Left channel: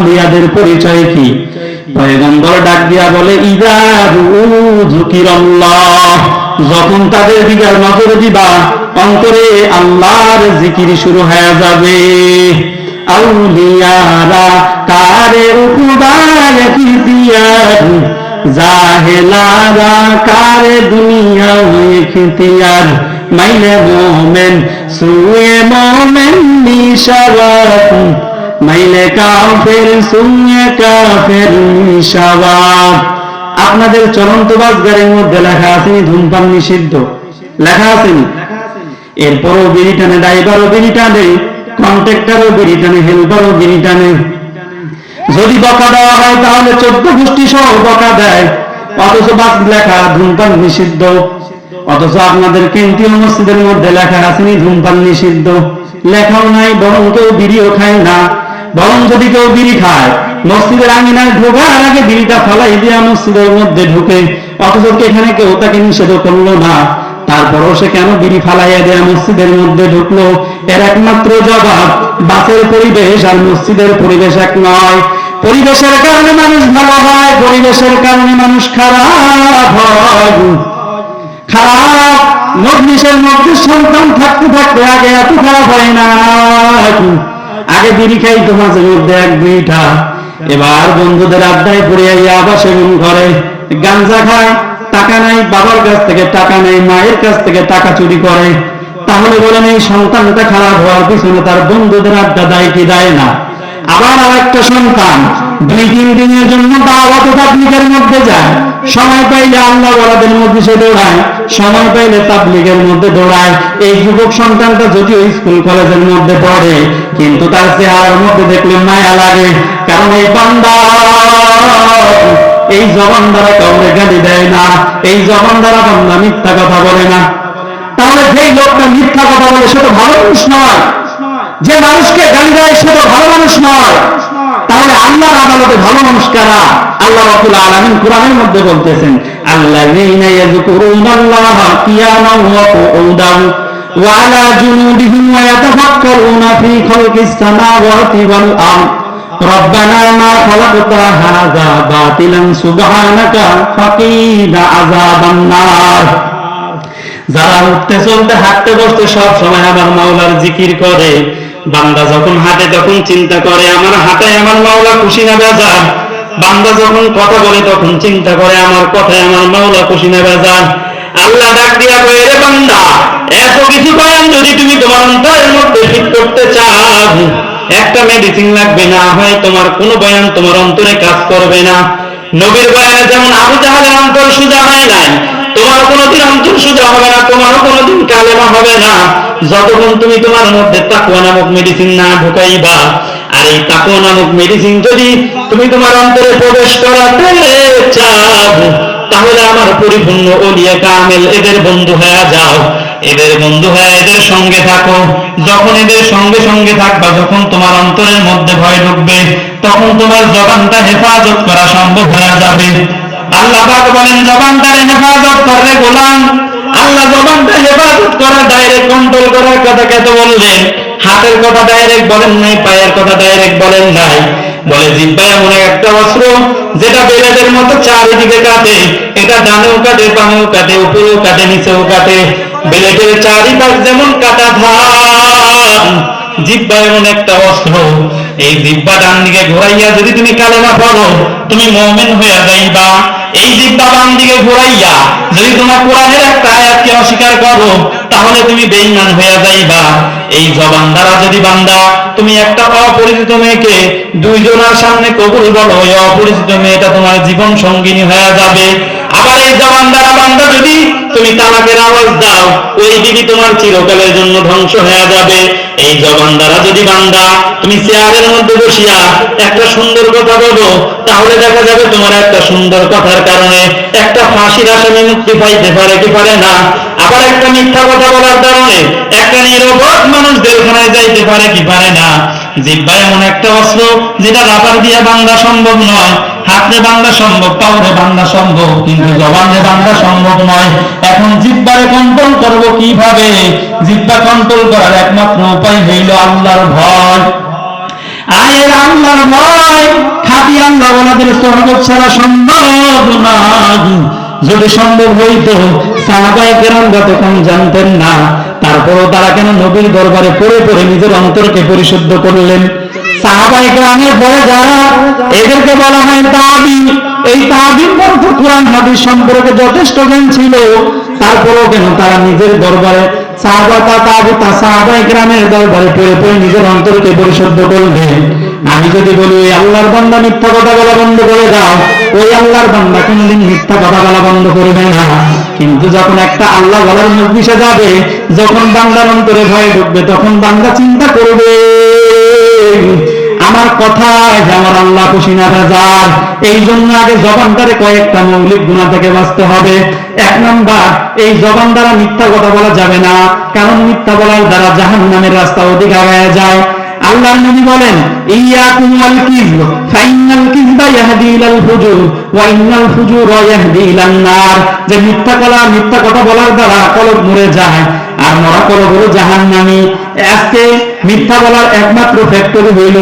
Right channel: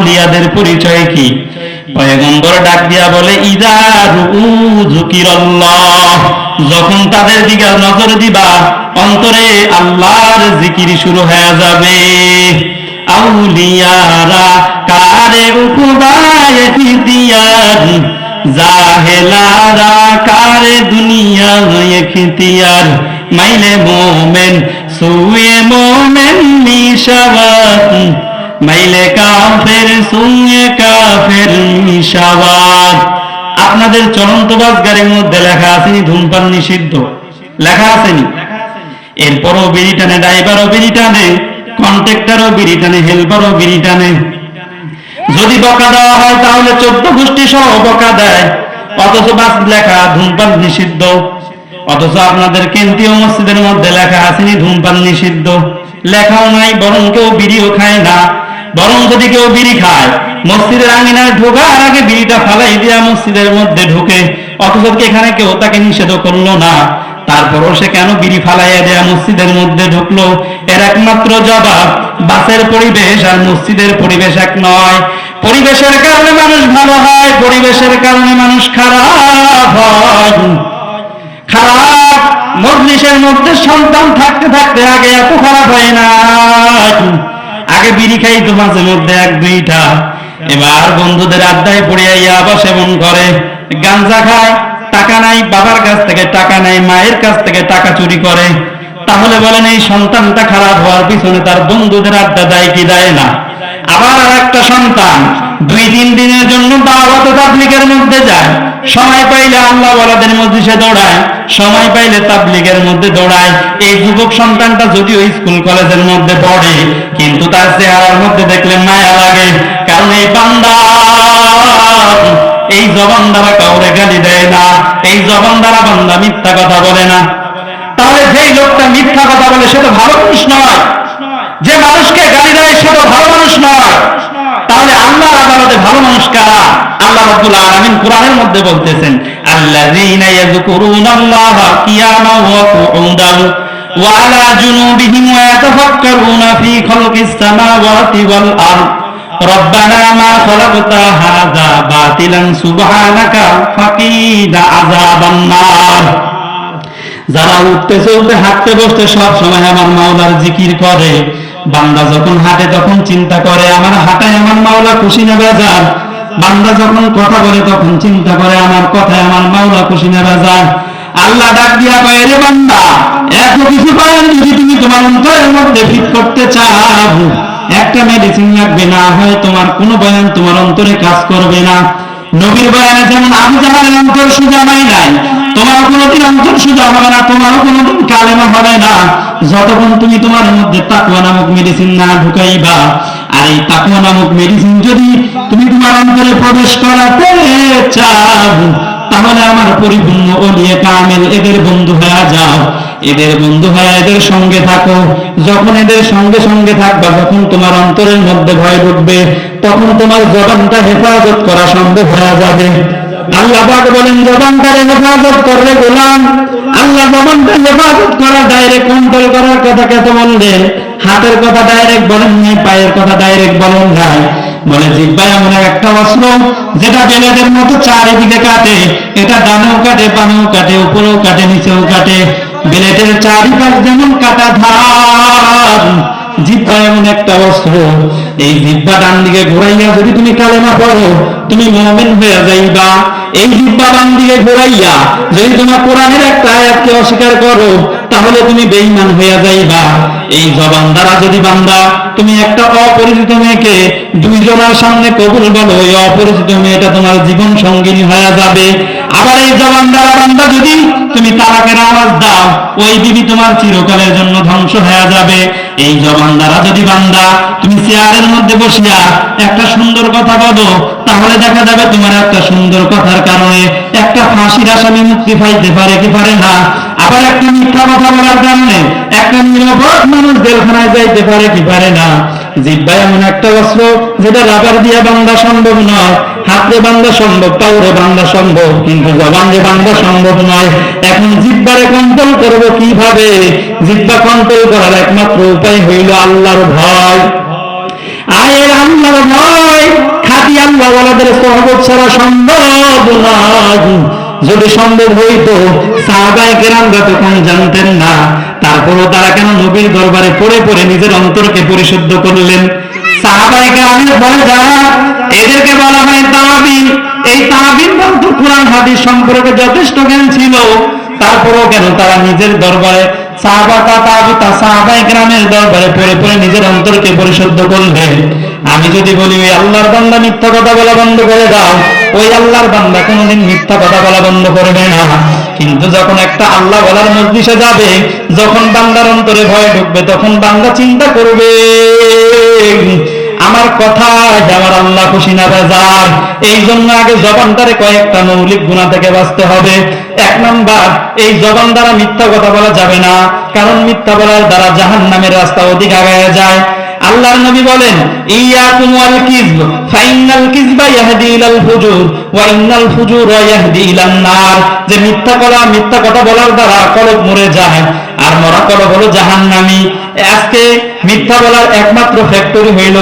আউলিয়াদের পরিচয় কি? পয়গম্বর ডাক দিয়া বলে ইদারু যুকিরাল্লাহ যখন তাদের দিকে নজর দিবা, অন্তরে আল্লাহর জিকির শুরু হয়ে যাবে। আউলিয়ারা কারে উপবায় খিতিয়ার জাহেলারা কারে দুনিয়া খিতিয়ার মাইলে মোমেন সুয়ে মোমেন নিশারাত। মাইলে কাফের সুয়ে কাফের নিশাওয়াত আপনাদের চলন্ত বাসগাড়ির মধ্যে লেখা আসেনি ধূমপান নিষিদ্ধ। লেখা আসেনি এরপরও বিড়ি টানে, ড্রাইভারও বিড়ি টানে, কন্ট্রাক্টরও বিড়ি টানে, হেল্পারও বিড়ি টানে। যদি বকা দেওয়া হয়, তাহলে চোদ্দ গোষ্ঠী সহ বকা দেয়। অথচ বাস লেখা, ধূমপান নিষিদ্ধ। অথচ আপনাদের কেন্দ্রীয় মসজিদের মধ্যে লেখা আসেনি ধূমপান নিষিদ্ধ। লেখাও নাই, বরং কেউ বিড়িও খায় না। বরং যদি কেউ বিড়ি খায়, মসজিদের আঙিনায় ঢোকার আগে বিড়িটা ফালাই দিয়া মসজিদের মধ্যে ঢুকে। অথচ এখানে কেউ তাকে নিষেধ করল না। তারপরও সে কেন বিড়ি ফালাইয়া দেয়া মসজিদের মধ্যে ঢুকলো? এর একমাত্র জবাব, বাসের পরিবেশ আর মসজিদের পরিবেশ এক নয়। পরিবেশের কারণে মানুষ ভালো হয়, পরিবেশের কারণে মানুষ খারাপ হয়। খারাপ, মজলিসের মধ্যে সন্তান থাকতে থাকতে আগে এত খারাপ হয় না। আগে বিড়ি খাই তো মাঝে মধ্যে এক দুইটা। এবার বন্ধুদের আড্ডায় পড়ে আবার সেবন করে। গাঞ্জা খায়, টাকা নাই, বাবার কাছ থেকে টাকা নেই, মায়ের কাছ থেকে টাকা চুরি করে। তাহলে বলেন এই সন্তানটা খারাপ হওয়ার পিছনে তার বন্ধুদের আড্ডা দেয় কি দেয় না? আবার আর একটা সন্তান, দুই তিন দিনের জন্য দাওয়াত তাবলিগের মধ্যে যায়। সময় পাইলে আল্লাহ ওয়ালাদের মধ্যে সে দৌড়ায়। সময় পাইলে তাবলিগের মধ্যে দৌড়ায়। এই যুবক সন্তানটা যদিও স্কুল, কলেজের মধ্যে পড়ে, কিন্তু তার চেহারার মধ্যে দেখলে মায়া লাগে। কারণ এই বান্দা, এই জবান দ্বারা কাউরে গালি দেয় না, এই জবান দ্বারা বান্দা মিথ্যা কথা বলে না। তাহলে যেই লোকটা মিথ্যা কথা বলে, সে তো ভালো মানুষ নয়। যে মানুষকে গালি দেয়, সে তো ভালো মানুষ নয়। তাহলে আল্লাহর আদালতে ভালো মানুষ কারা? আল্লাহ রাব্বুল আলামিন কোরআনের মধ্যে বলতেছেন আল্লাযীনা ইয়াযকুরুনাল্লাহা কিয়ামান ওয়া qu'udan ওয়া আলা জুনুবিহিম ওয়া ইয়াতাফাক্কারুনা ফী খালকিস সামাওয়াতি ওয়াল আরদ ربنا ما خلقت هذا باطلا سبحانك فقنا عذاب النار যারা উঠতে চলতে হাঁটতে বসতে সব সময় আমার মাওলার জিকির করে বান্দা যখন হাঁটে তখন চিন্তা করে আমার হাঁটায় আমার মাওলা খুশি না বেজার বান্দা যখন কথা বলে তখন চিন্তা করে, আমার কথায় আমার মাওলা খুশি না বেজার আল্লাহ ডাক দিয়া কয়ে রে বান্দা, এত কিছু পান যদি তুমি তোমার অন্তরের মধ্যে ফিট করতে চাও। একটা মেডিসিন লাগবে না, হয় তোমার কোনো বয়ান তোমার অন্তরে কাজ করবে না। নবীর বয়ানে যেমন আবু জাহালের অন্তর সুজা হয় নাই, তোমার কোনোদিন অন্তর সুজা হবে না, তোমারও কোনোদিন কালেমা হবে না। যতক্ষণ তুমি তোমার মধ্যে তাকুয়া নামক মেডিসিন না ঢুকাইবা আর এই তাকুয়া নামক মেডিসিন যদি তুমি তোমার অন্তরে প্রবেশ করাতে চাও, তাহলে আমার পরিপূর্ণ ওলিয়ে কামেল এদের বন্ধু হয়ে যাও। এদের বন্ধু হয়ে এদের সঙ্গে থাকো। যখন এদের সঙ্গে সঙ্গে থাকবা, যখন তোমার অন্তরের মধ্যে ভয় ঢুকবে, তখন তোমার জবানটা হেফাজত করা সম্ভব হয়ে যাবে। আল্লাহ পাক বলেন, জবানটারে হেফাজত করলে গোলাম। আল্লাহ জবানটা হেফাজত করা ডাইরেক্ট কন্ট্রোল করার কথা কে তো বললেন। হাতের কথা ডাইরেক্ট বলেন নাই, পায়ের কথা ডাইরেক্ট বলেন নাই। বলে জিব্বা এমন একটা অস্ত্র, যেটা বেলাদের মতো চারিদিকে কাটে। এটা ডানেও কাটে, বামেও কাটে, উপরেও কাটে, নিচেও কাটে। বেলেটের চারিপাশ যেমন কাটা ধান জিব্বা এমন একটা অস্ত্র। এই জিব্বা ডান দিকে ঘোরাইয়া যদি তুমি কালেমা পড়ো, তুমি মমিন হয়ে যাইবা। এই জিব্বা ডান দিকে ঘোরাইয়া যদি তোমার কোরআনের একটা আয়াতকে অস্বীকার করো তাহলে তুমি বেঈমান হইয়া যাইবা। এই জবান দ্বারা যদি বান্দা, তুমি একটা অপরিচিত মেয়েকে দুইজনের সামনে কবুল বলো ওই অপরিচিত মেয়েটা তোমার জীবন সঙ্গিনী হয়ে যাবে। আবার এই জবান দ্বারা বান্দা যদি তুমি তালাকের আওয়াজ দাও, ওই দিদি তোমার চিরকালের জন্য ধ্বংস হয়ে যাবে। এই জবান দ্বারা যদি বান্দা তুমি চেয়ারের মধ্যে বসিয়া একটা সুন্দর কথা বলো, তাহলে দেখা যাবে তোমার একটা সুন্দর কথার কারণে একটা ফাঁসির আসামি মুক্তি পাইতে পারে কি পারে না। আবার একটা মিথ্যা কথা বলার কারণে একটা নিরপরাধ মানুষ জেলখানায় যাইতে পারে কি পারে না। জিব্বা এমন একটা অস্ত্র যেটা রাবার দিয়া বান্দা সম্ভব নয়, হাতে বান্দা সম্ভব, কাউরে বান্দা সম্ভব, কিন্তু জবান যে বান্দা সম্ভব নয়। এখন জিব্বারে কন্ট্রোল করব কীভাবে? জিব্বা কন্ট্রোল করার একমাত্র উপায় হইল আল্লাহর ভয়। আয়ের আল্লাহর ভয়, খাটি আল্লাহ ওলাদের সহবত ছাড়া সম্ভব না যদি সম্ভব হইতো সাহাবাই কেরামরা তখন জানতেন না, তারপরও তারা কেন নবীর দরবারে পড়ে পড়ে নিজের অন্তরকে পরিশুদ্ধ করলেন? সাহাবাই কেরামের বড় যারা হাদিস সম্পর্কে যথেষ্ট জ্ঞান ছিল, তারপরও কেন তারা নিজের দরবারে বলি বলা বলা কিন্তু যখন একটা আল্লাহ বলার মজলিসে যাবে, যখন বান্দার অন্তরে ভয় ঢুকবে, তখন বান্দা চিন্তা করবে। আমার কথা আমার আল্লাহ খুশি না বেজার। এই জন্য আগে জবান দ্বারে কয়েকটা মৌলিক গুণা থেকে বাঁচতে হবে। এক নাম্বার, এই জবান দ্বারা মিথ্যা কথা বলা যাবে না। কারণ মিথ্যা বলার দ্বারা জাহান নামের রাস্তা অধিক আগায় যায়। আল্লাহর নবী বলেন, ইয়াকুম ওয়াল কিযব ফাইনাল কিযবা ইয়াহদি ইলাল ফুজুর ওয়া ইন্নাল ফুজুরা ইয়াহদি ইলান নার। যে মিথ্যা কথা মিথ্যা কথা বলার দ্বারা কলব মরে যায়, আর মরা কলব হলো জাহান্নামী। আজকে মিথ্যা বলার একমাত্র ফ্যাক্টরি হইল